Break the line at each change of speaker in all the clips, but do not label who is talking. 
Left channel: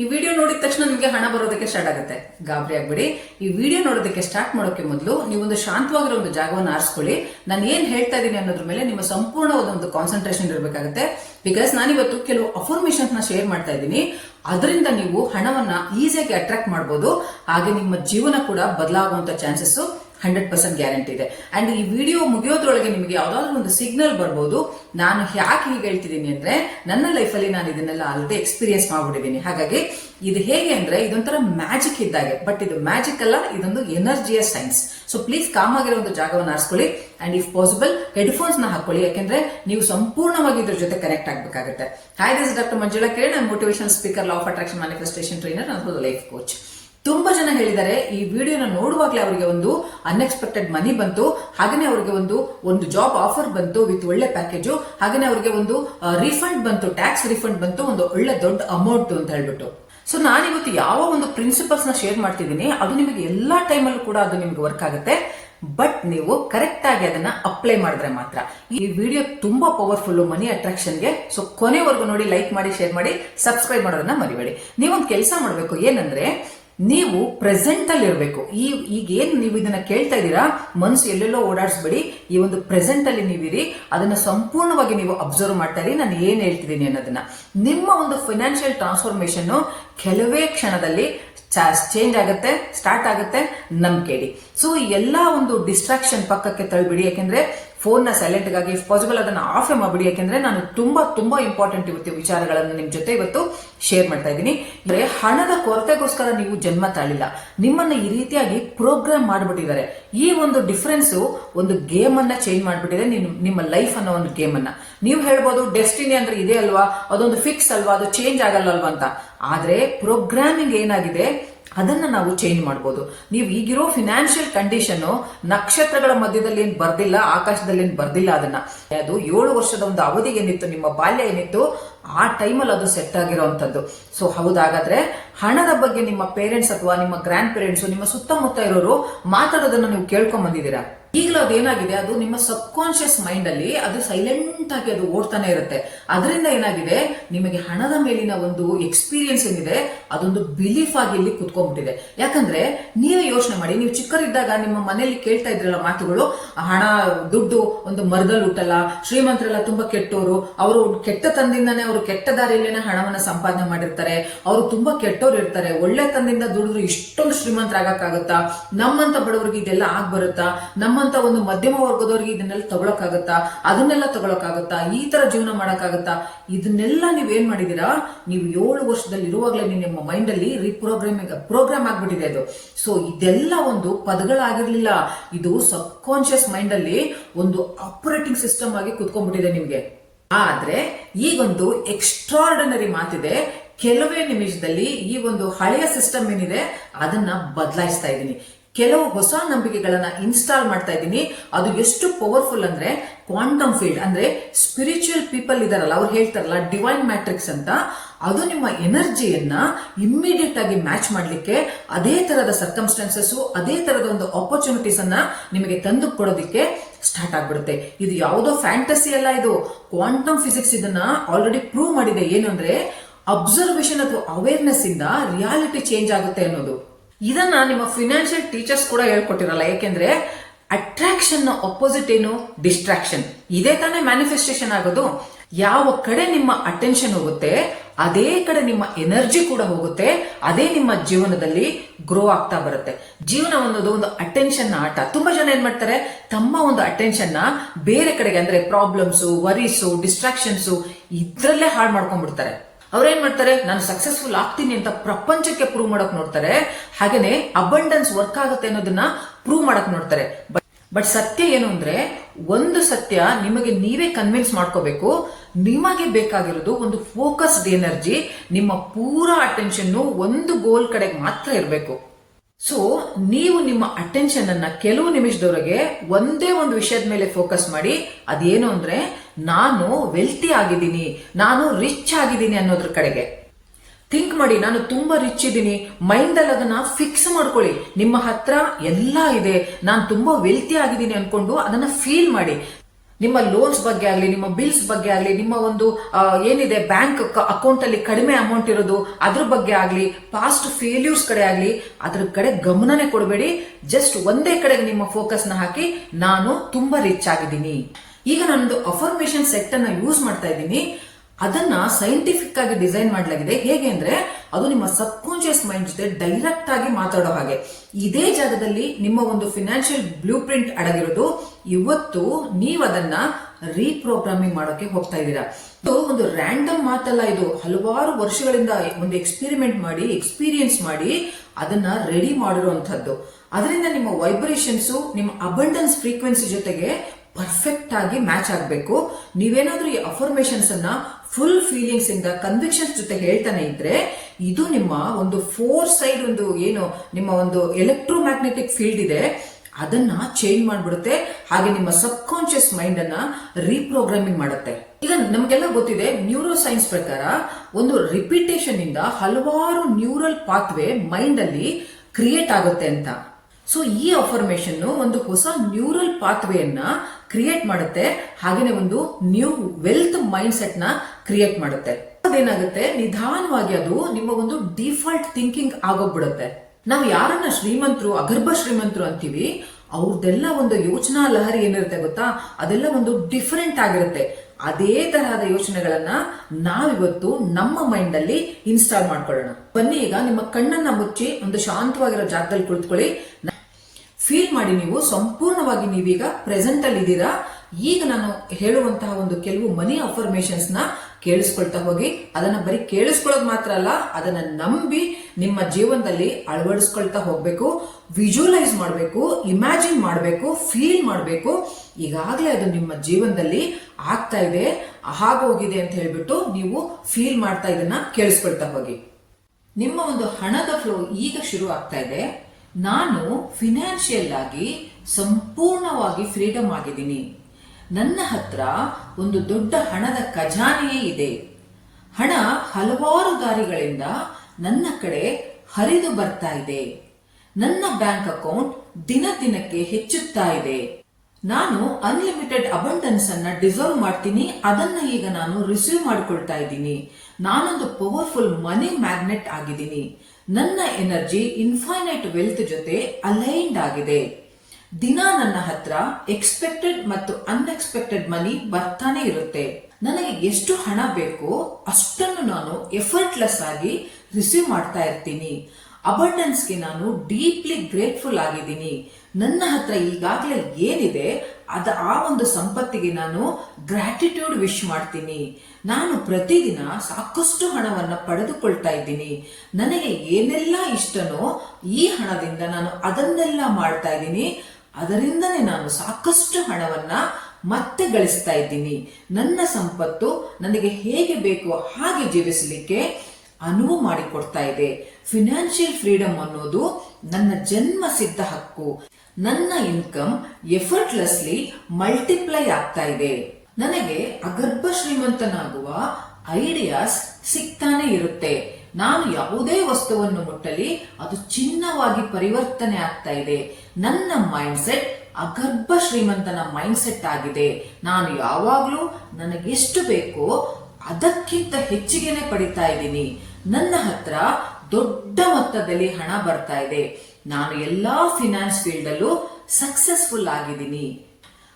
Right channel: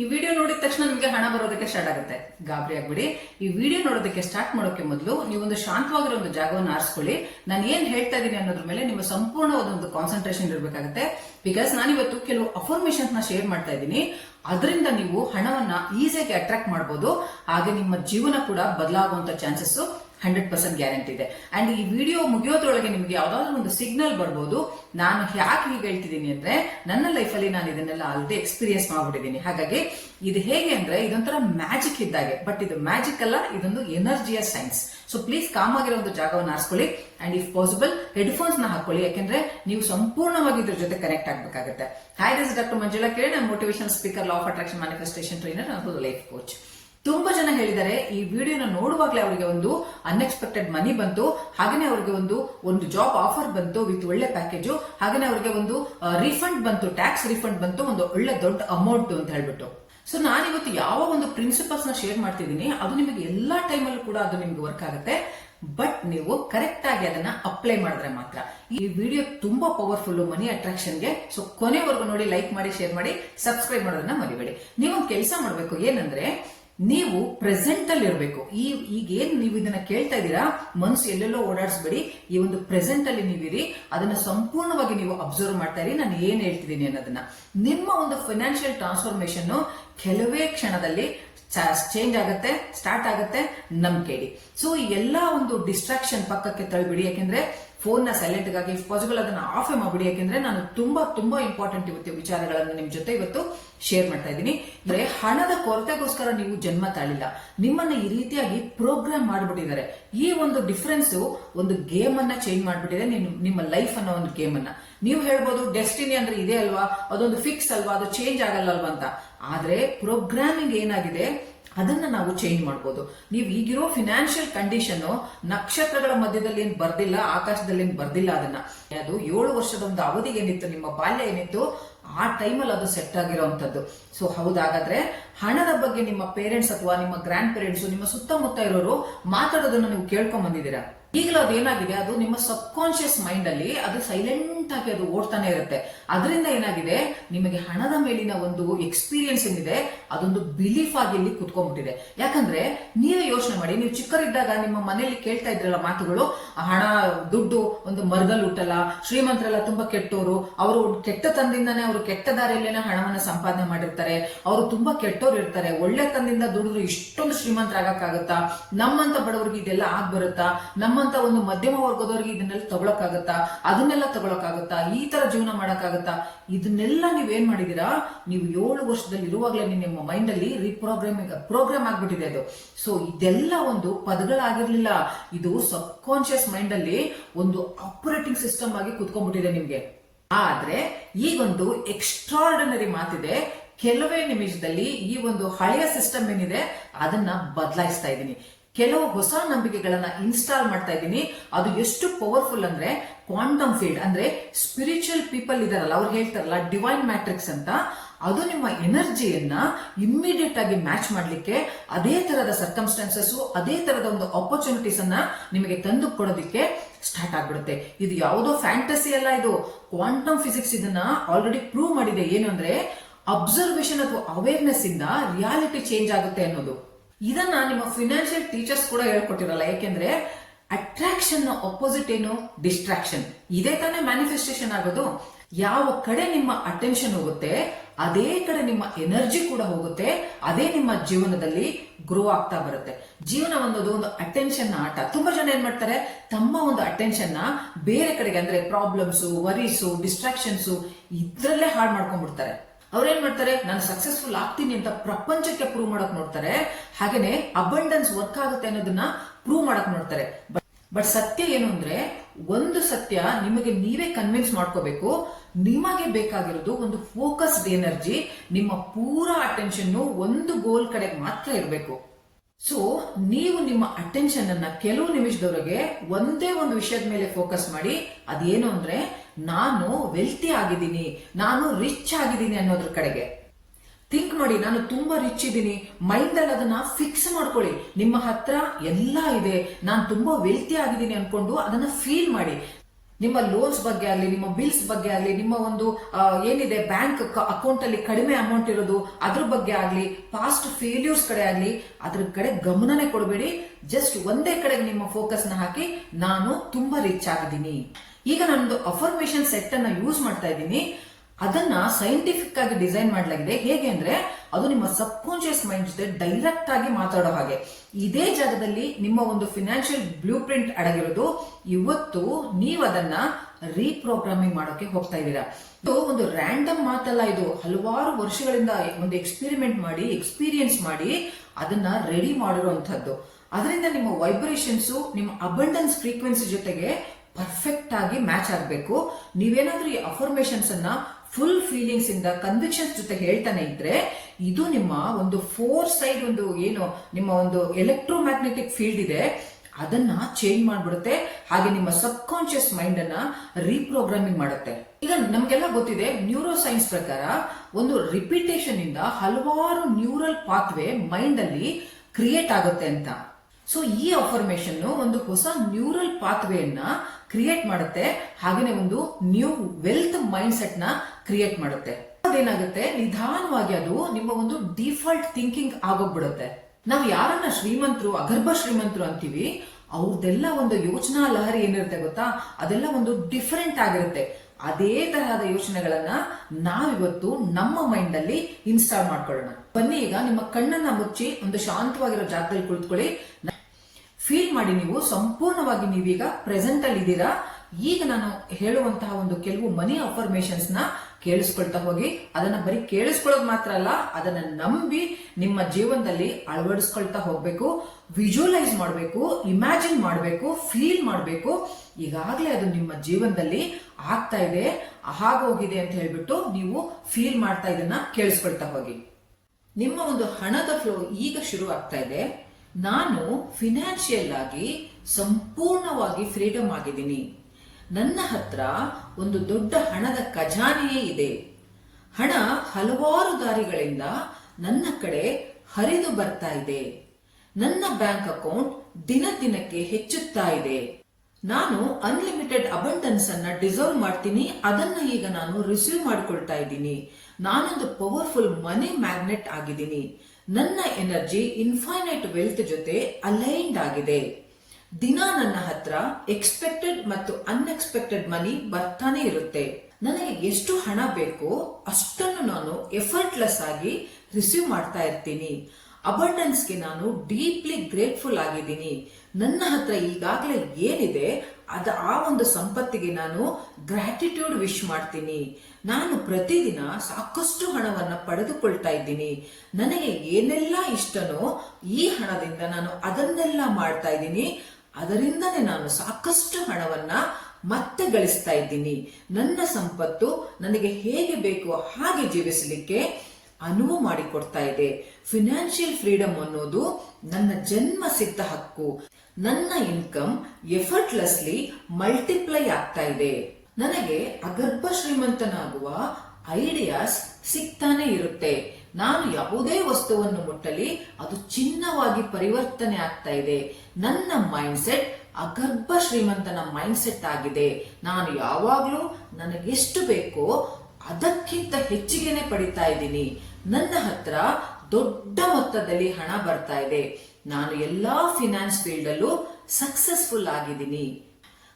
ಈ ವಿಡಿಯೋ ನೋಡಿದ ತಕ್ಷಣ ನಿಮಗೆ ಹಣ ಬರೋದಕ್ಕೆ ಸ್ಟಾರ್ಟ್ ಆಗುತ್ತೆ. ಗಾಬರಿ ಆಗ್ಬಿಡಿ. ಈ ವಿಡಿಯೋ ನೋಡೋದಕ್ಕೆ ಸ್ಟಾರ್ಟ್ ಮಾಡೋಕೆ ಮೊದಲು ನೀವೊಂದು ಶಾಂತವಾಗಿರೋ ಒಂದು ಜಾಗವನ್ನು ಆರಿಸ್ಕೊಳ್ಳಿ. ನಾನು ಏನ್ ಹೇಳ್ತಾ ಇದ್ದೀನಿ ಅನ್ನೋದ್ರ ಮೇಲೆ ನಿಮ್ಮ ಸಂಪೂರ್ಣವಾದ ಒಂದು ಕಾನ್ಸಂಟ್ರೇಷನ್ ಇರಬೇಕಾಗುತ್ತೆ. ಬಿಕಾಸ್ ನಾನಿವತ್ತು ಕೆಲವು ಅಫರ್ಮೇಶನ್ಸ್ನ ಶೇರ್ ಮಾಡ್ತಾ ಇದ್ದೀನಿ ಅದರಿಂದ ನೀವು ಹಣವನ್ನ ಈಸಿಯಾಗಿ ಅಟ್ರಾಕ್ಟ್ ಮಾಡಬಹುದು ಹಾಗೆ ನಿಮ್ಮ ಜೀವನ ಕೂಡ ಬದಲಾಗುವಂತ ಚಾನ್ಸಸ್ ಹಂಡ್ರೆಡ್ ಪರ್ಸೆಂಟ್ ಗ್ಯಾರಂಟಿ ಇದೆ. ಅಂಡ್ ಈ ವಿಡಿಯೋ ಮುಗಿಯೋದ್ರೊಳಗೆ ನಿಮಗೆ ಯಾವ್ದಾದ್ರು ಒಂದು ಸಿಗ್ನಲ್ ಬರ್ಬೋದು. ನಾನು ಯಾಕೆ ಹೀಗೆ ಹೇಳ್ತಿದ್ದೀನಿ ಅಂದ್ರೆ, ನನ್ನ ಲೈಫಲ್ಲಿ ನಾನು ಇದನ್ನೆಲ್ಲ ಅಲ್ಲದೆ ಎಕ್ಸ್ಪೀರಿಯನ್ಸ್ ಮಾಡ್ಬಿಟ್ಟಿದ್ದೀನಿ. ಹಾಗಾಗಿ, ಇದು ಹೇಗೆ ಅಂದ್ರೆ, ಇದೊಂಥರ ಮ್ಯಾಜಿಕ್ ಇದ್ದಾಗೆ. ಬಟ್ ಇದು ಮ್ಯಾಜಿಕ್ ಅಲ್ಲ, ಇದೊಂದು ಎನರ್ಜಿಯ ಸೈನ್ಸ್ ಸೊ ಪ್ಲೀಸ್ ಕಾಮ್ ಆಗಿರೋ ಒಂದು ಜಾಗವನ್ನು ಆರಿಸ್ಕೊಳ್ಳಿ. ಅಂಡ್ ಇಫ್ ಪಾಸಿಬಲ್ ಹೆಡ್ಫೋನ್ಸ್ ಹಾಕೊಳ್ಳಿ ಯಾಕೆಂದ್ರೆ, ನೀವು ಸಂಪೂರ್ಣವಾಗಿ ಇದ್ರ ಜೊತೆ ಕನೆಕ್ಟ್ ಆಗಬೇಕಾಗುತ್ತೆ. ಹಾಯ್ ದಿಸ್ ಡಾಕ್ಟರ್ ಮಂಜುಳಾ ಕೇಳಿ ನಾನು motivation speaker law of attraction manifestation trainer life coach ತುಂಬಾ ಜನ ಹೇಳಿದ್ದಾರೆ, ಈ ವಿಡಿಯೋನ ನೋಡುವಾಗಲೇ ಅವರಿಗೆ ಒಂದು ಅನ್ಎಕ್ಸ್ಪೆಕ್ಟೆಡ್ ಮನಿ ಬಂತು, ಹಾಗೇನೆ ಅವರಿಗೆ ಒಂದು ಒಂದು ಜಾಬ್ ಆಫರ್ ಬಂತು ವಿತ್ ಒಳ್ಳೆ ಪ್ಯಾಕೇಜು ಹಾಗೇನೆ ಅವರಿಗೆ ಒಂದು ರಿಫಂಡ್ ಬಂತು ಟ್ಯಾಕ್ಸ್ ರಿಫಂಡ್ ಬಂತು, ಒಂದು ಒಳ್ಳೆ ದೊಡ್ಡ ಅಮೌಂಟ್ ಅಂತ ಹೇಳ್ಬಿಟ್ಟು. ಸೊ ನಾನಿವತ್ತು ಯಾವ ಒಂದು ಪ್ರಿನ್ಸಿಪಲ್ಸ್ನ ಶೇರ್ ಮಾಡ್ತಿದ್ದೀನಿ, ಅದು ನಿಮಗೆ ಎಲ್ಲಾ ಟೈಮಲ್ಲೂ ಕೂಡ ಅದು ನಿಮಗೆ ವರ್ಕ್ ಆಗುತ್ತೆ ಬಟ್ ನೀವು ಕರೆಕ್ಟ್ ಆಗಿ ಅದನ್ನ ಅಪ್ಲೈ ಮಾಡಿದ್ರೆ ಮಾತ್ರ. ಈ ವಿಡಿಯೋ ತುಂಬಾ ಪವರ್ಫುಲ್ ಮನಿ ಅಟ್ರಾಕ್ಷನ್ಗೆ ಸೊ ಕೊನೆವರೆಗೂ ನೋಡಿ ಲೈಕ್ ಮಾಡಿ ಶೇರ್ ಮಾಡಿ ಸಬ್ಸ್ಕ್ರೈಬ್ ಮಾಡೋದನ್ನ ಮರಿಬೇಡಿ. ನೀವೊಂದು ಕೆಲಸ ಮಾಡಬೇಕು, ಏನಂದ್ರೆ ನೀವು ಪ್ರೆಸೆಂಟ್ ಅಲ್ಲಿ ಇರಬೇಕು. ಈ ಈಗ ಏನ್ ನೀವು ಇದನ್ನ ಕೇಳ್ತಾ ಇದ್ದೀರಾ ಮನಸ್ಸು ಎಲ್ಲೆಲ್ಲೋ ಓಡಾಡಿಸ್ಬೇಡಿ, ಈ ಒಂದು ಪ್ರೆಸೆಂಟ್ ಅಲ್ಲಿ ನೀವಿರಿ, ಅದನ್ನ ಸಂಪೂರ್ಣವಾಗಿ ನೀವು ಅಬ್ಸರ್ವ್ ಮಾಡ್ತಾ ಇರಿ, ನಾನು ಏನು ಹೇಳ್ತಿದ್ದೀನಿ ಅನ್ನೋದನ್ನ. ನಿಮ್ಮ ಒಂದು ಫೈನಾನ್ಷಿಯಲ್ ಟ್ರಾನ್ಸ್ಫಾರ್ಮೇಶನ್ ಕೆಲವೇ ಕ್ಷಣದಲ್ಲಿ ಚೇಂಜ್ ಆಗುತ್ತೆ ಸ್ಟಾರ್ಟ್ ಆಗುತ್ತೆ, ನಂಬಿಕೆ ಸೊ ಎಲ್ಲ ಎಲ್ಲಾ ಒಂದು ಡಿಸ್ಟ್ರಾಕ್ಷನ್ ಪಕ್ಕಕ್ಕೆ ತಳ್ಳಿಬಿಡಿ ಯಾಕೆಂದ್ರೆ ಫೋನ್ನ ಸೈಲೆಂಟ್ಗಾಗಿ ಇಫ್ ಪಾಸಿಬಲ್ ಅದನ್ನು ಆಫ್ ಮಾಡಿಬಿಡಿ, ಯಾಕೆಂದರೆ ನಾನು ತುಂಬಾ ತುಂಬಾ ಇಂಪಾರ್ಟೆಂಟ್ ಇವತ್ತು ವಿಚಾರಗಳನ್ನು ನಿಮ್ಮ ಜೊತೆ ಇವತ್ತು ಶೇರ್ ಮಾಡ್ತಾ ಇದ್ದೀನಿ. ಅಂದ್ರೆ ಹಣದ ಕೊರತೆಗೋಸ್ಕರ ನೀವು ಜನ್ಮ ತಾಳಿಲ್ಲ. ನಿಮ್ಮನ್ನ ಈ ರೀತಿಯಾಗಿ ಪ್ರೋಗ್ರಾಮ್ ಮಾಡ್ಬಿಟ್ಟಿದ್ದಾರೆ. ಈ ಒಂದು ಡಿಫರೆನ್ಸ್ ಒಂದು ಗೇಮ್ ಅನ್ನ ಚೇಂಜ್ ಮಾಡ್ಬಿಟ್ಟಿದೆ ನಿಮ್ಮ ನಿಮ್ಮ ಲೈಫ್ ಅನ್ನೋ ಒಂದು ಗೇಮ್ ಅನ್ನ. ನೀವು ಹೇಳ್ಬೋದು ಡೆಸ್ಟಿನಿ ಅಂದ್ರೆ ಇದೆ ಅಲ್ವಾ? ಅದೊಂದು ಫಿಕ್ಸ್ ಅಲ್ವಾ? ಅದು ಚೇಂಜ್ ಆಗಲ್ಲ ಅಲ್ವಾ ಅಂತ. ಆದ್ರೆ ಪ್ರೋಗ್ರಾಮಿಂಗ್ ಏನಾಗಿದೆ? ಅದನ್ನ ನಾವು ಚೇಂಜ್ ಮಾಡ್ಬೋದು. ನೀವು ಈಗಿರೋ ಫಿನಾನ್ಷಿಯಲ್ ಕಂಡೀಷನ್ನು ನಕ್ಷತ್ರಗಳ ಮಧ್ಯದಲ್ಲಿ ಏನು ಬರ್ದಿಲ್ಲ, ಆಕಾಶದಲ್ಲಿ ಏನು ಬರ್ದಿಲ್ಲ ಅದನ್ನ. ಅದು ಏಳು ವರ್ಷದ ಒಂದು ಅವಧಿ ಏನಿತ್ತು, ನಿಮ್ಮ ಬಾಲ್ಯ ಏನಿತ್ತು, ಆ ಟೈಮಲ್ಲಿ ಅದು ಸೆಟ್ ಆಗಿರೋವಂಥದ್ದು. ಸೊ ಹೌದಾಗಾದ್ರೆ ಹಣದ ಬಗ್ಗೆ ನಿಮ್ಮ ಪೇರೆಂಟ್ಸ್ ಅಥವಾ ನಿಮ್ಮ ಗ್ರ್ಯಾಂಡ್ ಪೇರೆಂಟ್ಸ್ ನಿಮ್ಮ ಸುತ್ತಮುತ್ತ ಇರೋರು ಮಾತಾಡೋದನ್ನ ನೀವು ಕೇಳ್ಕೊಂಡ್ ಬಂದಿದ್ದೀರಾ ಈಗಲೂ ಅದೇನಾಗಿದೆ? ಅದು ನಿಮ್ಮ ಸಬ್ ಕಾನ್ಶಿಯಸ್ ಮೈಂಡ್ ಅಲ್ಲಿ ಅದು ಸೈಲೆಂಟ್ ಆಗಿ ಅದು ಓಡ್ತಾನೆ ಇರುತ್ತೆ. ಅದರಿಂದ ಏನಾಗಿದೆ? ನಿಮಗೆ ಹಣದ ಮೇಲಿನ ಒಂದು ಎಕ್ಸ್ಪೀರಿಯನ್ಸ್ ಏನಿದೆ, ಅದೊಂದು ಬಿಲೀಫ್ ಆಗಿ ಇಲ್ಲಿ ಕುತ್ಕೊಂಡ್ಬಿಟ್ಟಿದೆ. ಯಾಕಂದ್ರೆ ನೀವೇ ಯೋಚನೆ ಮಾಡಿ, ನೀವು ಚಿಕ್ಕರಿದ್ದಾಗ ನಿಮ್ಮ ಮನೆಯಲ್ಲಿ ಕೇಳ್ತಾ ಇದ್ರಲ್ಲ ಮಾತುಗಳು, ಹಣ, ದುಡ್ಡು ಒಂದು ಮರದಲ್ಲಿ ಹುಟ್ಟಲ್ಲ, ಶ್ರೀಮಂತರೆಲ್ಲ ತುಂಬಾ ಕೆಟ್ಟವರು ಅವರು ಕೆಟ್ಟ ತಂದಿಂದಾನೇ ಅವರು ಕೆಟ್ಟ ದಾರಿಯಲ್ಲೇನೆ ಹಣವನ್ನ ಸಂಪಾದನೆ ಮಾಡಿರ್ತಾರೆ, ಅವರು ತುಂಬಾ ಕೆಟ್ಟವರು ಇರ್ತಾರೆ, ಒಳ್ಳೆ ತಂದಿಂದ ದುಡಿದ್ರು ಇಷ್ಟೊಂದು ಶ್ರೀಮಂತರಾಗಕ್ಕಾಗುತ್ತಾ? ನಮ್ಮಂತ ಬಡವರಿಗೆ ಇದೆಲ್ಲ ಆಗ್ ಬರುತ್ತಾ ನಮ್ಮಂತ ಒಂದು ಮಧ್ಯಮ ವರ್ಗದವರಿಗೆ ಇದನ್ನೆಲ್ಲ ತಗೊಳಕ್ಕಾಗತ್ತಾ? ಅದನ್ನೆಲ್ಲ ತಗೊಳಕ್ಕಾಗತ್ತಾ? ಈ ತರ ಜೀವನ ಮಾಡಕ್ಕಾಗತ್ತಾ? ಇದನ್ನೆಲ್ಲ ನೀವೇನ್ ಮಾಡಿದೀರಾ? ನೀವು ಏಳು ವರ್ಷದಲ್ಲಿ ಇರುವಾಗಲೇ ನಿಮ್ಮ ಮೈಂಡ್ ಅಲ್ಲಿ ರೀಪ್ರೋಗ್ರಾಮಿಂಗ್ ಪ್ರೋಗ್ರಾಮ್ ಆಗ್ಬಿಟ್ಟಿದೆ ಅದು. ಸೊ ಇದೆಲ್ಲ ಒಂದು ಪದಗಳಾಗಿರ್ಲಿಲ್ಲ. ಇದು ಸಬ್ ಕಾನ್ಶಿಯಸ್ ಮೈಂಡ್ ಅಲ್ಲಿ ಒಂದು ಆಪರೇಟಿಂಗ್ ಸಿಸ್ಟಮ್ ಆಗಿ ಕುತ್ಕೊಂಡ್ಬಿಟ್ಟಿದೆ ನಿಮ್ಗೆ. ಆದ್ರೆ, ಈಗೊಂದು ಎಕ್ಸ್ಟ್ರಾರ್ಡಿನರಿ ಮಾತಿದೆ. ಕೆಲವೇ ನಿಮಿಷದಲ್ಲಿ ಈ ಒಂದು ಹಳೆಯ ಸಿಸ್ಟಮ್ ಏನಿದೆ, ಅದನ್ನ ಬದಲಾಯಿಸ್ತಾ ಇದ್ದೀನಿ. ಕೆಲವು ಹೊಸ ನಂಬಿಕೆಗಳನ್ನ ಇನ್ಸ್ಟಾಲ್ ಮಾಡ್ತಾ ಇದ್ದೀನಿ. ಅದು ಎಷ್ಟು ಪವರ್ಫುಲ್ ಅಂದ್ರೆ ಕ್ವಾಂಟಮ್ ಫೀಲ್ಡ್ ಅಂದ್ರೆ ಸ್ಪಿರಿಚುವಲ್ ಪೀಪಲ್ ಇದಾರಲ್ಲ, ಅವ್ರು ಹೇಳ್ತಾರಲ್ಲ ಡಿವೈನ್ ಮ್ಯಾಟ್ರಿಕ್ಸ್ ಅಂತ. ಅದು ನಿಮ್ಮ ಎನರ್ಜಿಯನ್ನ ಇಮ್ಮಿಡಿಯೇಟ್ ಆಗಿ ಮ್ಯಾಚ್ ಮಾಡಲಿಕ್ಕೆ, ಅದೇ ತರದ ಸರ್ಕಮ್ಸ್ಟೆನ್ಸಸ್ ಅದೇ ತರದ ಒಂದು ಆಪರ್ಚುನಿಟೀಸ್ ಅನ್ನ ನಿಮಗೆ ತಂದು ಕೊಡೋದಕ್ಕೆ ಸ್ಟಾರ್ಟ್ ಆಗ್ಬಿಡುತ್ತೆ. ಇದು ಯಾವುದೋ ಫ್ಯಾಂಟಸಿ ಅಲ್ಲ ಇದು. ಕ್ವಾಂಟಮ್ ಫಿಸಿಕ್ಸ್ ಇದನ್ನ ಆಲ್ರೆಡಿ ಪ್ರೂವ್ ಮಾಡಿದೆ. ಏನು ಅಂದ್ರೆ ಅಬ್ಸರ್ವೇಷನ್ ಅಥವಾ ಅವೇರ್ನೆಸ್ ಇಂದ ರಿಯಾಲಿಟಿ ಚೇಂಜ್ ಆಗುತ್ತೆ ಅನ್ನೋದು. ಇದನ್ನ ನಿಮ್ಮ ಫಿನಾನ್ಷಿಯಲ್ ಟೀಚರ್ಸ್ ಕೂಡ ಹೇಳ್ಕೊಟ್ಟಿರಲ್ಲ. ಯಾಕೆಂದ್ರೆ ಅಟ್ರಾಕ್ಷನ್ನ ಅಪೋಸಿಟ್ ಏನು? ಡಿಸ್ಟ್ರಾಕ್ಷನ್ ಇದೇ ತಾನೇ ಮ್ಯಾನಿಫೆಸ್ಟೇಷನ್ ಆಗೋದು. ಯಾವ ಕಡೆ ನಿಮ್ಮ ಅಟೆನ್ಷನ್ ಹೋಗುತ್ತೆ, ಅದೇ ಕಡೆ ನಿಮ್ಮ ಎನರ್ಜಿ ಕೂಡ ಹೋಗುತ್ತೆ, ಅದೇ ನಿಮ್ಮ ಜೀವನದಲ್ಲಿ ಗ್ರೋ ಆಗ್ತಾ ಬರುತ್ತೆ. ಜೀವನ ಅನ್ನೋದು ಒಂದು ಅಟೆನ್ಷನ್ ಆಟ. ತುಂಬಾ ಜನ ಏನ್ ಮಾಡ್ತಾರೆ, ತಮ್ಮ ಒಂದು ಅಟೆನ್ಷನ್ನ ಬೇರೆ ಕಡೆಗೆ, ಅಂದ್ರೆ ಪ್ರಾಬ್ಲಮ್ಸ್ ವರೀಸು ಡಿಸ್ಟ್ರಾಕ್ಷನ್ಸು ಇದ್ರಲ್ಲೇ ಹಾಳು ಮಾಡ್ಕೊಂಡ್ಬಿಡ್ತಾರೆ. ಅವ್ರೇನ್ ಮಾಡ್ತಾರೆ? ನಾನು ಸಕ್ಸಸ್ಫುಲ್ ಆಗ್ತೀನಿ ಅಂತ ಪ್ರಪಂಚಕ್ಕೆ ಪ್ರೂವ್ ಮಾಡಕ್ ನೋಡ್ತಾರೆ. ಹಾಗೇನೆ ಅಬಂಡೆನ್ಸ್ ವರ್ಕ್ ಆಗುತ್ತೆ ಅನ್ನೋದನ್ನ ಪ್ರೂವ್ ಮಾಡಕ್ ನೋಡ್ತಾರೆ. ಬಟ್ ಸತ್ಯ ಏನು ಅಂದ್ರೆ ಒಂದು ಸತ್ಯ ನಿಮಗೆ ನೀವೇ ಕನ್ವಿನ್ಸ್ ಮಾಡ್ಕೋಬೇಕು. ನಿಮಗೆ ಬೇಕಾಗಿರೋದು ಒಂದು ಫೋಕಸ್ಡ್ ಎನರ್ಜಿ ನಿಮ್ಮ ಪೂರಾ ಅಟೆನ್ಷನ್ ಒಂದು ಗೋಲ್ ಕಡೆಗೆ ಮಾತ್ರ ಇರಬೇಕು. ಸೊ ನೀವು ನಿಮ್ಮ ಅಟೆನ್ಷನ್ ಅನ್ನ ಕೆಲವು ನಿಮಿಷದವರೆಗೆ ಒಂದೇ ಒಂದು ವಿಷಯದ ಮೇಲೆ ಫೋಕಸ್ ಮಾಡಿ, ಅದೇನು ಅಂದ್ರೆ, ನಾನು ವೆಲ್ತಿ ಆಗಿದ್ದೀನಿ, ನಾನು ರಿಚ್ ಆಗಿದ್ದೀನಿ ಅನ್ನೋದ್ರ ಕಡೆಗೆ. ಥಿಂಕ್ ಮಾಡಿ, ನಾನು ತುಂಬಾ ರಿಚ್ ಇದ್ದೀನಿ ಮೈಂಡ್ ಅಲ್ಲಿ ಅದನ್ನ ಫಿಕ್ಸ್ ಮಾಡ್ಕೊಳ್ಳಿ. ನಿಮ್ಮ ಹತ್ರ ಎಲ್ಲ ಇದೆ, ನಾನು ತುಂಬಾ ವೆಲ್ತಿ ಆಗಿದ್ದೀನಿ ಅನ್ಕೊಂಡು ಅದನ್ನ ಫೀಲ್ ಮಾಡಿ. ನಿಮ್ಮ ಲೋನ್ಸ್ ಬಗ್ಗೆ ಆಗಲಿ, ನಿಮ್ಮ ಬಿಲ್ಸ್ ಬಗ್ಗೆ ಆಗಲಿ, ನಿಮ್ಮ ಒಂದು ಏನಿದೆ ಬ್ಯಾಂಕ್ ಅಕೌಂಟ್ ಅಲ್ಲಿ ಕಡಿಮೆ ಅಮೌಂಟ್ ಇರೋದು, ಅದ್ರ ಬಗ್ಗೆ ಆಗಲಿ ಪಾಸ್ಟ್ ಫೇಲ್ಯೂರ್ಸ್ ಕಡೆ ಆಗಲಿ, ಅದ್ರ ಕಡೆ ಗಮನನೇ ಕೊಡಬೇಡಿ. ಜಸ್ಟ್ ಒಂದೇ ಕಡೆಗೆ ನಿಮ್ಮ ಫೋಕಸ್ನ ಹಾಕಿ, ನಾನು ತುಂಬಾ ರಿಚ್ ಆಗಿದ್ದೀನಿ. ಈಗ ನಾನೊಂದು ಅಫರ್ಮೇಶನ್ ಸೆಟ್ ಅನ್ನ ಯೂಸ್ ಮಾಡ್ತಾ ಇದ್ದೀನಿ. ಅದನ್ನ ಸೈಂಟಿಫಿಕ್ ಆಗಿ ಡಿಸೈನ್ ಮಾಡಲಾಗಿದೆ. ಹೇಗೆ ಅಂದ್ರೆ ಅದು ನಿಮ್ಮ ಸಬ್ ಕಾನ್ಶಿಯಸ್ ಮೈಂಡ್ ಜೊತೆ ಡೈರೆಕ್ಟ್ ಆಗಿ ಮಾತಾಡೋ ಹಾಗೆ. ಇದೇ ಜಾಗದಲ್ಲಿ ನಿಮ್ಮ ಒಂದು ಫಿನಾನ್ಷಿಯಲ್ ಬ್ಲೂ ಪ್ರಿಂಟ್ ಅಡಗಿರೋದು, ಇವತ್ತು ನೀವು ಅದನ್ನ ರೀಪ್ರೋಗ್ರಾಮಿಂಗ್ ಮಾಡೋಕೆ ಹೋಗ್ತಾ ಇದ್ದೀರಾ. ಇದು ಒಂದು ರ್ಯಾಂಡಮ್ ಮಾತಲ್ಲ ಇದು. ಹಲವಾರು ವರ್ಷಗಳಿಂದ ಒಂದು ಎಕ್ಸ್ಪೆರಿಮೆಂಟ್ ಮಾಡಿ ಎಕ್ಸ್ಪೀರಿಯನ್ಸ್ ಮಾಡಿ ಅದನ್ನ ರೆಡಿ ಮಾಡಿರುವಂತದ್ದು ಅದರಿಂದ ನಿಮ್ಮ ವೈಬ್ರೇಷನ್ಸ್ ನಿಮ್ಮ ಅಬಂಡನ್ಸ್ ಫ್ರೀಕ್ವೆನ್ಸಿ ಜೊತೆಗೆ ಪರ್ಫೆಕ್ಟ್ ಆಗಿ ಮ್ಯಾಚ್ ಆಗಬೇಕು. ನೀವೇನಾದ್ರೂ ಈ ಅಫರ್ಮೇಶನ್ಸ್ ಅನ್ನ ಫುಲ್ ಫೀಲಿಂಗ್ಸ್ ಇಂದ ಕನ್ವಿಕ್ಷನ್ಸ್ ಜೊತೆ ಹೇಳ್ತಾನೆ ಇದ್ರೆ, ಇದು ನಿಮ್ಮ ಒಂದು ಫೋರ್ ಸೈಡ್ ಒಂದು ಏನು, ನಿಮ್ಮ ಒಂದು ಎಲೆಕ್ಟ್ರೋ ಮ್ಯಾಗ್ನೆಟಿಕ್ ಫೀಲ್ಡ್ ಇದೆ, ಅದನ್ನ ಚೇಂಜ್ ಮಾಡ್ಬಿಡುತ್ತೆ, ಹಾಗೆ ನಿಮ್ಮ ಸಬ್ ಕಾನ್ಶಿಯಸ್ ಮೈಂಡ್ ಅನ್ನ ರೀಪ್ರೋಗ್ರಾಮಿಂಗ್ ಮಾಡುತ್ತೆ. ಈಗ ನಮಗೆಲ್ಲ ಗೊತ್ತಿದೆ ನ್ಯೂರೋ ಸೈನ್ಸ್ ಪ್ರಕಾರ ಒಂದು ರಿಪಿಟೇಷನ್ ಇಂದ ಹಲವಾರು ನ್ಯೂರಲ್ ಪಾತ್ವೆ ಮೈಂಡ್ ಅಲ್ಲಿ ಕ್ರಿಯೇಟ್ ಆಗುತ್ತೆ ಅಂತ. ಸೊ ಈ ಅಫರ್ಮೇಶನ್ ಒಂದು ಹೊಸ ನ್ಯೂರಲ್ ಪಾತ್ವೇಯನ್ನ ಕ್ರಿಯೇಟ್ ಮಾಡುತ್ತೆ. ಹಾಗೇನೆ ಒಂದು ನ್ಯೂ ವೆಲ್ತ್ ಮೈಂಡ್ ಸೆಟ್ನ ಕ್ರಿಯೇಟ್ ಮಾಡುತ್ತೆ. ಅದೇನಾಗುತ್ತೆ? ನಿಧಾನವಾಗಿ ಅದು ನಿಮ್ಮ ಒಂದು ಡಿಫಾಲ್ಟ್ ಥಿಂಕಿಂಗ್ ಆಗೋಗ್ಬಿಡುತ್ತೆ. ನಾವು ಯಾರನ್ನ ಶ್ರೀಮಂತರು, ಅಗರ್ಭ ಶ್ರೀಮಂತರು ಅಂತೀವಿ ಅವ್ರದ್ದೆಲ್ಲ ಒಂದು ಯೋಚನಾ ಲಹರಿ ಏನಿರುತ್ತೆ ಗೊತ್ತಾ? ಅದೆಲ್ಲ ಒಂದು ಡಿಫರೆಂಟ್ ಆಗಿರುತ್ತೆ. ಅದೇ ತರಹದ ಯೋಚನೆಗಳನ್ನ ನಾವಿವತ್ತು ನಮ್ಮ ಮೈಂಡ್ ಅಲ್ಲಿ ಇನ್ಸ್ಟಾಲ್ ಮಾಡ್ಕೊಳ್ಳೋಣ. ಬನ್ನಿ ಈಗ ನಿಮ್ಮ ಕಣ್ಣನ್ನ ಮುಚ್ಚಿ ಒಂದು ಶಾಂತವಾಗಿರೋ ಜಾಗದಲ್ಲಿ ಕುಳಿತುಕೊಳ್ಳಿ. ಫೀಲ್ ಮಾಡಿ ನೀವು, ಸಂಪೂರ್ಣವಾಗಿ ನೀವೀಗ ಪ್ರೆಸೆಂಟ್ ಅಲ್ಲಿ ಇದ್ದೀರಾ? ಈಗ ನಾನು ಹೇಳುವಂತಹ ಒಂದು ಕೆಲವು ಮನಿ ಅಫರ್ಮೇಶನ್ಸ್ನ ಕೇಳಿಸ್ಕೊಳ್ತಾ ಹೋಗಿ. ಅದನ್ನ ಬರೀ ಕೇಳಿಸ್ಕೊಳ್ಳೋದು ಮಾತ್ರ ಅಲ್ಲ, ಅದನ್ನ ನಂಬಿ ನಿಮ್ಮ ಜೀವನದಲ್ಲಿ ಅಳವಡಿಸ್ಕೊಳ್ತಾ ಹೋಗ್ಬೇಕು. ವಿಜುವಲೈಸ್ ಮಾಡಬೇಕು, ಇಮ್ಯಾಜಿನ್ ಮಾಡಬೇಕು, ಫೀಲ್ ಮಾಡಬೇಕು. ಈಗಾಗಲೇ ಅದು ನಿಮ್ಮ ಜೀವನದಲ್ಲಿ ಆಗ್ತಾ ಇದೆ ಹಾಗೋಗಿದೆ ಅಂತ ಹೇಳ್ಬಿಟ್ಟು ನೀವು ಫೀಲ್ ಮಾಡ್ತಾ ಇದನ್ನ ಕೇಳಿಸ್ಕೊಳ್ತಾ ಹೋಗಿ. ನಿಮ್ಮ ಒಂದು ಹಣದ ಫ್ಲೋ ಈಗ ಶುರು ಆಗ್ತಾ ಇದೆ. ನಾನು ಫಿನಾನ್ಷಿಯಲ್ ಆಗಿ ಸಂಪೂರ್ಣವಾಗಿ ಫ್ರೀಡಮ್ ಆಗಿದ್ದೀನಿ. ನನ್ನ ಹತ್ರ ಒಂದು ದೊಡ್ಡ ಹಣದ ಖಜಾನೆಯೇ ಇದೆ. ಹಣ ಹಲವಾರು ದಾರಿಗಳಿಂದ ನನ್ನ ಕಡೆ ಹರಿದು ಬರ್ತಾ ಇದೆ. ನನ್ನ ಬ್ಯಾಂಕ್ ಅಕೌಂಟ್ ದಿನ ದಿನಕ್ಕೆ ಹೆಚ್ಚುತ್ತಾ ಇದೆ. ನಾನು ಅನ್ಲಿಮಿಟೆಡ್ ಅಬಂಡನ್ಸ್ ಅನ್ನ ಡಿಸರ್ವ್ ಮಾಡ್ತೀನಿ, ಅದನ್ನ ಈಗ ನಾನು ರಿಸೀವ್ ಮಾಡ್ಕೊಳ್ತಾ ಇದ್ದೀನಿ. ನಾನೊಂದು ಪವರ್ಫುಲ್ ಮನಿ ಮ್ಯಾಗ್ನೆಟ್ ಆಗಿದ್ದೀನಿ. ನನ್ನ ಎನರ್ಜಿ ಇನ್ಫೈನೈಟ್ ವೆಲ್ತ್ ಜೊತೆ ಅಲೈನ್ಡ್ ಆಗಿದೆ. ದಿನ ನನ್ನ ಹತ್ರ ಎಕ್ಸ್ಪೆಕ್ಟೆಡ್ ಮತ್ತು ಅನ್ಎಕ್ಸ್ಪೆಕ್ಟೆಡ್ ಮನಿ ಬರ್ತಾನೆ ಇರುತ್ತೆ. ನನಗೆ ಎಷ್ಟು ಹಣ ಬೇಕೋ ಅಷ್ಟನ್ನು ನಾನು ಎಫರ್ಟ್ಲೆಸ್ ಆಗಿ ರಿಸೀವ್ ಮಾಡ್ತಾ ಇರ್ತೀನಿ. ಅಬಂಡೆನ್ಸ್ಗೆ ನಾನು ಡೀಪ್ಲಿ ಗ್ರೇಟ್ಫುಲ್ ಆಗಿದ್ದೀನಿ. ನನ್ನ ಹತ್ರ ಈಗಾಗಲೇ ಏನಿದೆ, ಅದ ಆ ಒಂದು ಸಂಪತ್ತಿಗೆ ನಾನು ಗ್ರಾಟಿಟ್ಯೂಡ್ ವಿಶ್ ಮಾಡ್ತೀನಿ. ನಾನು ಪ್ರತಿದಿನ ಸಾಕಷ್ಟು ಹಣವನ್ನ ಪಡೆದುಕೊಳ್ತಾ ಇದ್ದೀನಿ. ನನಗೆ ಏನೆಲ್ಲ ಇಷ್ಟನೋ ಈ ಹಣದಿಂದ ನಾನು ಅದನ್ನೆಲ್ಲ ಮಾಡ್ತಾ ಇದ್ದೀನಿ. ಅದರಿಂದನೇ ನಾನು ಸಾಕಷ್ಟು ಹಣವನ್ನ ಮತ್ತೆ ಗಳಿಸ್ತಾ ಇದ್ದೀನಿ. ನನ್ನ ಸಂಪತ್ತು ನನಗೆ ಹೇಗೆ ಬೇಕೋ ಹಾಗೆ ಜೀವಿಸಲಿಕ್ಕೆ ಅನುವು ಮಾಡಿಕೊಡ್ತಾ ಇದೆ. ಫಿನಾನ್ಷಿಯಲ್ ಫ್ರೀಡಮ್ ಅನ್ನೋದು ನನ್ನ ಜನ್ಮ ಸಿದ್ಧ ಹಕ್ಕು. ನನ್ನ ಇನ್ಕಮ್ ಎಫರ್ಟ್ಲೆಸ್ಲಿ ಮಲ್ಟಿಪ್ಲೈ ಆಗ್ತಾ ಇದೆ. ನನಗೆ ಅಗರ್ಭ ಶ್ರೀಮಂತನಾಗುವ ಐಡಿಯಾಸ್ ಸಿಗ್ತಾನೆ ಇರುತ್ತೆ. ನಾನು ಯಾವುದೇ ವಸ್ತುವನ್ನು ಮುಟ್ಟಲಿ, ಅದು ಚಿನ್ನವಾಗಿ ಪರಿವರ್ತನೆ ಆಗ್ತಾ ಇದೆ. ನನ್ನ ಮೈಂಡ್ ಸೆಟ್ ಅಗರ್ಭ ಶ್ರೀಮಂತನ ಮೈಂಡ್ ಸೆಟ್ ಆಗಿದೆ. ನಾನು ಯಾವಾಗ್ಲೂ ನನಗೆಷ್ಟು ಬೇಕೋ ಅದಕ್ಕಿಂತ ಹೆಚ್ಚಿಗೆನೆ ಪಡಿತಾ ಇದ್ದೀನಿ. ನನ್ನ ಹತ್ರ ದೊಡ್ಡ ಮೊತ್ತದಲ್ಲಿ ಹಣ ಬರ್ತಾ ಇದೆ. ನಾನು ಎಲ್ಲಾ ಫಿನಾನ್ಸ್ ಫೀಲ್ಡ್ ಅಲ್ಲೂ ಸಕ್ಸಸ್ಫುಲ್ ಆಗಿದ್ದೀನಿ.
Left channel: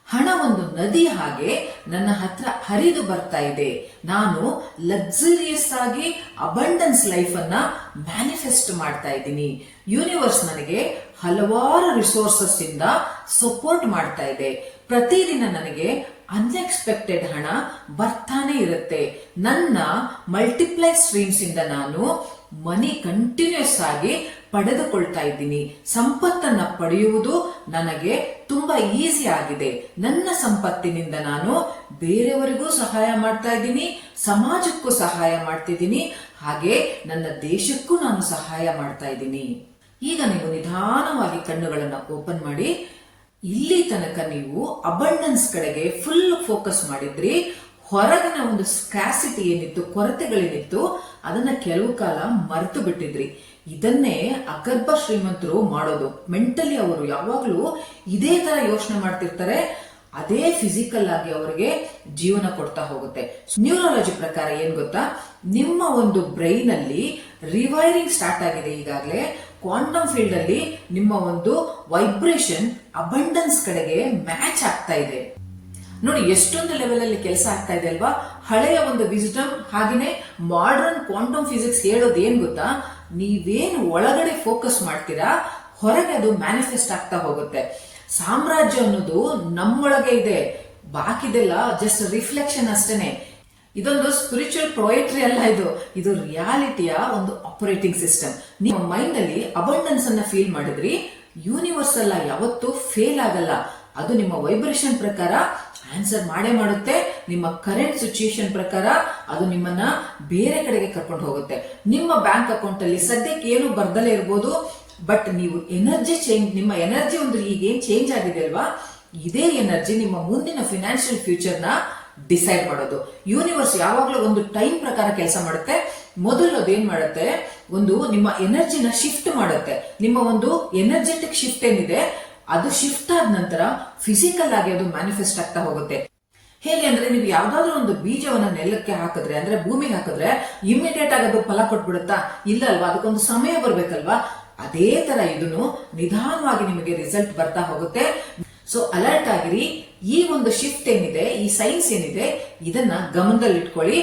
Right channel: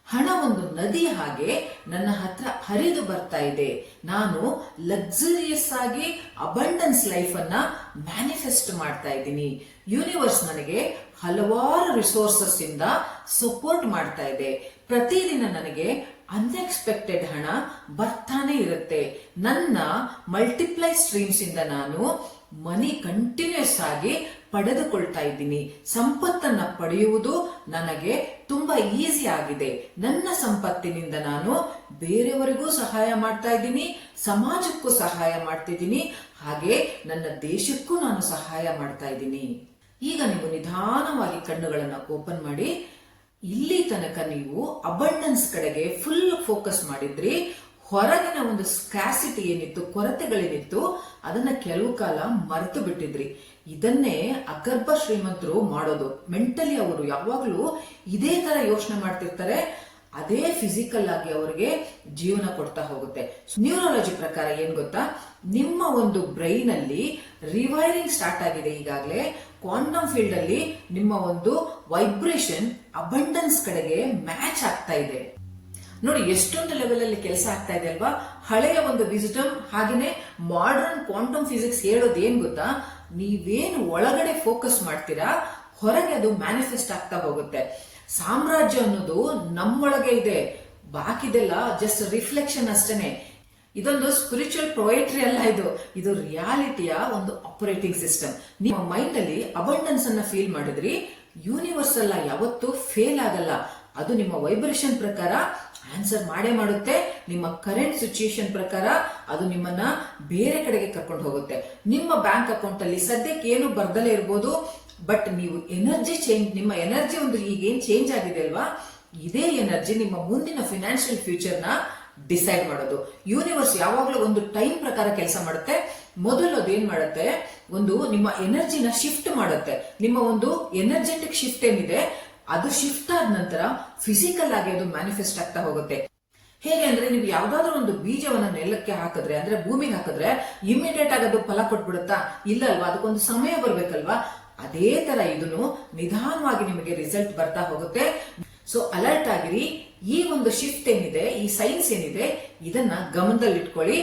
ಹಣ ಒಂದು ನದಿ ಹಾಗೆ ನನ್ನ ಹತ್ರ ಹರಿದು ಬರ್ತಾ ಇದೆ. ನಾನು ಲಕ್ಸುರಿಯಸ್ ಆಗಿ ಅಬಂಡನ್ಸ್ ಲೈಫ್ ಅನ್ನ ಮ್ಯಾನಿಫೆಸ್ಟ್ ಮಾಡ್ತಾ ಇದ್ದೀನಿ. ಯೂನಿವರ್ಸ್ ನನಗೆ ಹಲವಾರು ರಿಸೋರ್ಸಸ್ ಇಂದ ಸಪೋರ್ಟ್ ಮಾಡ್ತಾ ಇದೆ. ಪ್ರತಿದಿನ ನನಗೆ ಅನ್ಎಕ್ಸ್ಪೆಕ್ಟೆಡ್ ಹಣ ಬರ್ತಾನೆ ಇರುತ್ತೆ. ನನ್ನ ಮಲ್ಟಿಪ್ಲೈ ಸ್ಟ್ರೀಮ್ಸ್ ಇಂದ ನಾನು ಮನಿ ಕಂಟಿನ್ಯೂಸ್ ಆಗಿ ಪಡೆದುಕೊಳ್ತಾ ಇದ್ದೀನಿ. ಸಂಪತ್ತನ್ನ ಪಡೆಯುವುದು ನನಗೆ ತುಂಬಾ ಈಸಿ ಆಗಿದೆ. ನನ್ನ ಸಂಪತ್ತಿನಿಂದ ನಾನು ಬೇರೆಯವರಿಗೂ ಸಹಾಯ ಮಾಡ್ತಾ ಇದ್ದೀನಿ, ಸಮಾಜಕ್ಕೂ ಸಹಾಯ ಮಾಡ್ತಿದ್ದೀನಿ ಹಾಗೆ ನನ್ನ ದೇಶಕ್ಕೂ ನಾನು ಸಹಾಯ ಮಾಡ್ತಾ ಇದ್ದೀನಿ. ಈಗ ನೀವು ನಿಧಾನವಾಗಿ ಕಣ್ಣುಗಳನ್ನು ಓಪನ್ ಮಾಡಿ, ಇಲ್ಲಿ ತನಕ ನೀವು ಅಬಂಡನ್ಸ್ ಕಡೆಗೆ ಫುಲ್ ಫೋಕಸ್ ಮಾಡಿದ್ರಿ. ಹೊರಗಿನ ಒಂದು ಸ್ಕ್ಯಾಸಿಟಿ ಏನಿತ್ತು, ಕೊರತೆಗಳೇನಿತ್ತು, ಅದನ್ನ ಕೆಲವು ಕಾಲ ಮರೆತು ಬಿಟ್ಟಿದ್ರಿ. ಇದನ್ನೇ ಅಗರ್ಭ ಶ್ರೀಮಂತರು ಮಾಡೋದು. ಮೆಂಟಲಿ ಅವರು ಯಾವಾಗಲೂ ಇದೇ ತರ ಯೋಚನೆ ಮಾಡ್ತಿರ್ತಾರೆ. ಅದೇ ಫಿಸಿಕಲ್ ಆಗಿ ಅವರಿಗೆ ಜೀವನ ಕೊಡ್ತಾ ಹೋಗುತ್ತೆ. ನ್ಯೂರಾಲಜಿ ಪ್ರಕಾರ ಏನ್ ಗೊತ್ತಾ? ನಿಮ್ಮ ಒಂದು ಬ್ರೈನ್ ಅಲ್ಲಿ ರಿವೈರಿಂಗ್ ಸ್ಟಾರ್ಟ್ ಆಗಿದೆ ಈಗಾಗಲೇ. ಕ್ವಾಂಟಮ್ ಫೀಲ್ಡ್ ಅಲ್ಲಿ ನಿಮ್ಮ ಒಂದು ವೈಬ್ರೇಷನ್ ಅಬಂಡನ್ಸ್ ಕಡೆಗೆ ಮ್ಯಾಚ್ ಆಗ್ತಾ ಇದೆ. ನೋಡಿ, ಎಷ್ಟೊಂದು ಲೆವೆಲಲ್ಲಿ ಕೆಲಸ ಆಗ್ತಾ ಇದೆ ಅಲ್ವಾ? ಹಳೆಯ ಒಂದು ವಿಸಿಟಮ್ ಹಾಗೆಯೇ ಮಾಡರ್ನ್ ಕ್ವಾಂಟಮ್ ಫಿಸಿಕ್ಸ್ ಹೇಳೋದು ಏನ್ ಗೊತ್ತಾ? ನೀವೇನು ಒಳಗಡೆ ಫೋಕಸ್ ಮಾಡ್ತೀರಾ, ಹೊರಗೆ ಅದು ಮ್ಯಾನಿಫೆಸ್ಟ್ ಆಗ್ತಾ ಹೋಗುತ್ತೆ. ಸಾಮ್ರಾಜ್ಯ ಅನ್ನೋದು ನಮ್ಮೊಳಗೆ ಇದೆ. ಬಾಕಿದೆಲ್ಲ ಜಸ್ಟ್ ರಿಫ್ಲೆಕ್ಷನ್ ಅಷ್ಟೇನೆ. ಇದೊಂದು ಸ್ಪಿರಿಚುವಲ್ ಪ್ರೊಯೆಟ್ರಿ ಅಲ್ಲ ಇದು. ಇದು ರಿಯಾಲಿಟಿಯ ಒಂದು ಆಪರೇಟಿಂಗ್ ಸಿಸ್ಟಮ್ ನಿಮ್ಮ ಮೈಂಡ್ ಅಲ್ಲಿ ಅಬಂಡನ್ಸ್ ಅನ್ನ ಫೀಲ್ ಮಾಡಿದ್ರಿ. ಯೂನಿವರ್ಸ್ ಅಲ್ಲ ಯಾವತ್ತೂ ಫೇಲ್ ಆಗಲ್ಲ. ಅದು ನಿಮ್ಮ ವೈಬ್ರೇಷನ್ ಪ್ರಕಾರ ಆನ್ಸರ್ ಮಾಡೇ ಮಾಡುತ್ತೆ. ನಿಮ್ಮ ಕರೆಂಟ್ ಸಿಚುಯೇಷನ್ ಪ್ರಕಾರ ಅದು ನಿಮ್ಮನ್ನ ಬೇರೆ ಕಡೆಗೆ ಕರ್ಕೊಂಡು ಹೋಗುತ್ತೆ. ನಿಮ್ಮ ಬ್ಯಾಂಕ್ ಅಕೌಂಟ್ ಅಲ್ಲಿ ಸದ್ಯಕ್ಕೆ ಏನು ಬರ್ದಲೇ ಇರ್ಬೋದು ಬಟ್ ನೀವು ಎನರ್ಜಿ ಚೇಂಜ್ ನಿಮ್ಮ ಎನರ್ಜಿ ಒಂದು ಈಗೇನು ಚೇಂಜ್ ಆಗಿದೆ ಅಲ್ವಾ? ಇದೇ ಎನರ್ಜಿ ನಿಮ್ಮ ಮುಂದಿನ ಫಿನಾನ್ಷಿಯಲ್ ಫ್ಯೂಚರ್ನ ಡಿಸೈಡ್ ಮಾಡೋದು. ಯೂನಿವರ್ಸ್ ಯಾವಾಗಲೂ ಒಂದು ಟೈಮ್ ಪ್ರಕಾರ ಕೆಲಸ ಮಾಡುತ್ತೆ. ಮೊದಲು ಅದೇನ್ ಮಾಡುತ್ತೆ? ಒಂದು ನಿಮ್ಮ ಎನರ್ಜಿನ ಶಿಫ್ಟ್ ಮಾಡುತ್ತೆ. ನಿಮ್ಮ ಒಂದು ಎನರ್ಜೆಟಿಕ್ ಶಿಫ್ಟ್ ಏನಿದೆ? ಅದು ಶಿಫ್ಟ್ ಆದ ನಂತರ ಫಿಸಿಕಲ್ ಆಗಿ ಅದು ಮ್ಯಾನಿಫೆಸ್ಟ್ ಆಗ್ತಾ ಹೋಗುತ್ತೆ. ಹೇಗೆ ಅಂದ್ರೆ ನೀವು ಯಾವ್ದಾದ್ರು ಒಂದು ಬೀಜವನ್ನ ನೆಲಕ್ಕೆ ಹಾಕಿದ್ರೆ, ಅಂದ್ರೆ ಭೂಮಿಗೆ ಹಾಕಿದ್ರೆ ಇಮಿಡಿಯೇಟ್ ಆಗಿ ಅದು ಫಲ ಕೊಟ್ಬಿಡುತ್ತಾ? ಇಲ್ಲ ಅಲ್ವಾ? ಅದಕ್ಕೊಂದು ಸಮಯ ಬರ್ಬೇಕಲ್ವಾ? ಅದೇ ತರ ಇದನ್ನು ನಿಧಾನವಾಗಿ ನಿಮಗೆ ರಿಸಲ್ಟ್ ಬರ್ತಾ ಹೋಗುತ್ತೆ. ಸೊ ಅಲರ್ಟ್ ಆಗಿರಿ. ಈ ಒಂದು ಶಿಫ್ಟ್ ಏನಿದೆ, ಈ ಸೈನ್ಸ್ ಏನಿದೆ, ಇದನ್ನ ಗಮನದಲ್ಲಿಟ್ಕೊಳ್ಳಿ.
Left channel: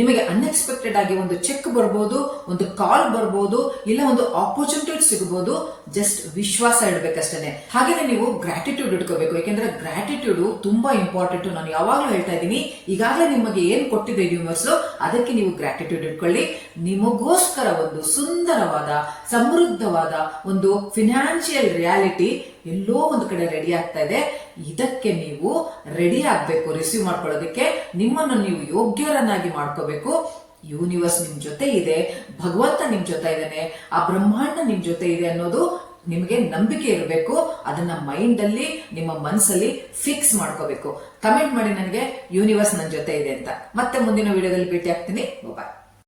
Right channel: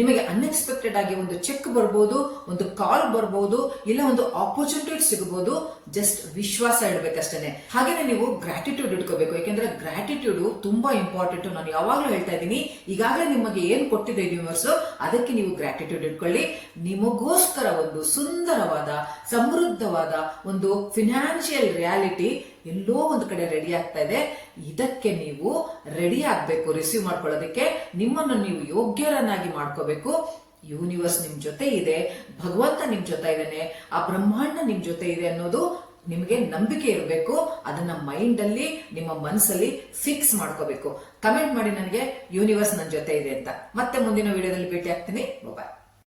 ನಿಮಗೆ ಅನ್ಎಕ್ಸ್ಪೆಕ್ಟೆಡ್ ಆಗಿ ಒಂದು ಚೆಕ್ ಬರ್ಬೋದು, ಒಂದು ಕಾಲ್ ಬರ್ಬೋದು, ಇಲ್ಲ ಒಂದು ಆಪರ್ಚುನಿಟಿ ಸಿಗಬಹುದು ಜಸ್ಟ್ ವಿಶ್ವಾಸ ಇಡಬೇಕಷ್ಟೇ ಹಾಗೇನೆ ನೀವು ಗ್ರಾಟಿಟ್ಯೂಡ್ ಇಟ್ಕೋಬೇಕು. ಯಾಕೆಂದ್ರೆ ಗ್ರಾಟಿಟ್ಯೂಡ್ ತುಂಬಾ ಇಂಪಾರ್ಟೆಂಟ್ ನಾನು ಯಾವಾಗ್ಲೂ ಹೇಳ್ತಾ ಇದ್ದೀನಿ, ಈಗಾಗಲೇ ನಿಮಗೆ ಏನ್ ಕೊಟ್ಟಿದೆ ಯೂನಿವರ್ಸ್ ಅದಕ್ಕೆ ನೀವು ಗ್ರಾಟಿಟ್ಯೂಡ್ ಇಟ್ಕೊಳ್ಳಿ. ನಿಮಗೋಸ್ಕರ ಒಂದು ಸುಂದರವಾದ, ಸಮೃದ್ಧವಾದ ಒಂದು ಫಿನಾನ್ಷಿಯಲ್ ರಿಯಾಲಿಟಿ ಎಲ್ಲೋ ಒಂದು ಕಡೆ ರೆಡಿ ಆಗ್ತಾ ಇದೆ. ಇದಕ್ಕೆ ನೀವು ರೆಡಿ ಆಗ್ಬೇಕು ರಿಸೀವ್ ಮಾಡ್ಕೊಳ್ಳೋದಕ್ಕೆ. ನಿಮ್ಮನ್ನು ನೀವು ಯೋಗ್ಯರನ್ನಾಗಿ ಮಾಡ್ಕೋಬೇಕು. ಯೂನಿವರ್ಸ್ ನಿಮ್ ಜೊತೆ ಇದೆ, ಭಗವಂತ ನಿಮ್ ಜೊತೆ ಇದ್ದಾನೆ, ಆ ಬ್ರಹ್ಮಾಂಡ ನಿಮ್ ಜೊತೆ ಇದೆ ಅನ್ನೋದು ನಿಮಗೆ ನಂಬಿಕೆ ಇರಬೇಕು. ಅದನ್ನ ಮೈಂಡ್ ಅಲ್ಲಿ, ನಿಮ್ಮ ಮನಸ್ಸಲ್ಲಿ ಫಿಕ್ಸ್ ಮಾಡ್ಕೋಬೇಕು. ಕಮೆಂಟ್ ಮಾಡಿ ನನಗೆ ಯೂನಿವರ್ಸ್ ನನ್ನ ಜೊತೆ ಇದೆ ಅಂತ. ಮತ್ತೆ ಮುಂದಿನ ವಿಡಿಯೋದಲ್ಲಿ ಭೇಟಿ ಆಗ್ತೀನಿ. ಬಾಯ್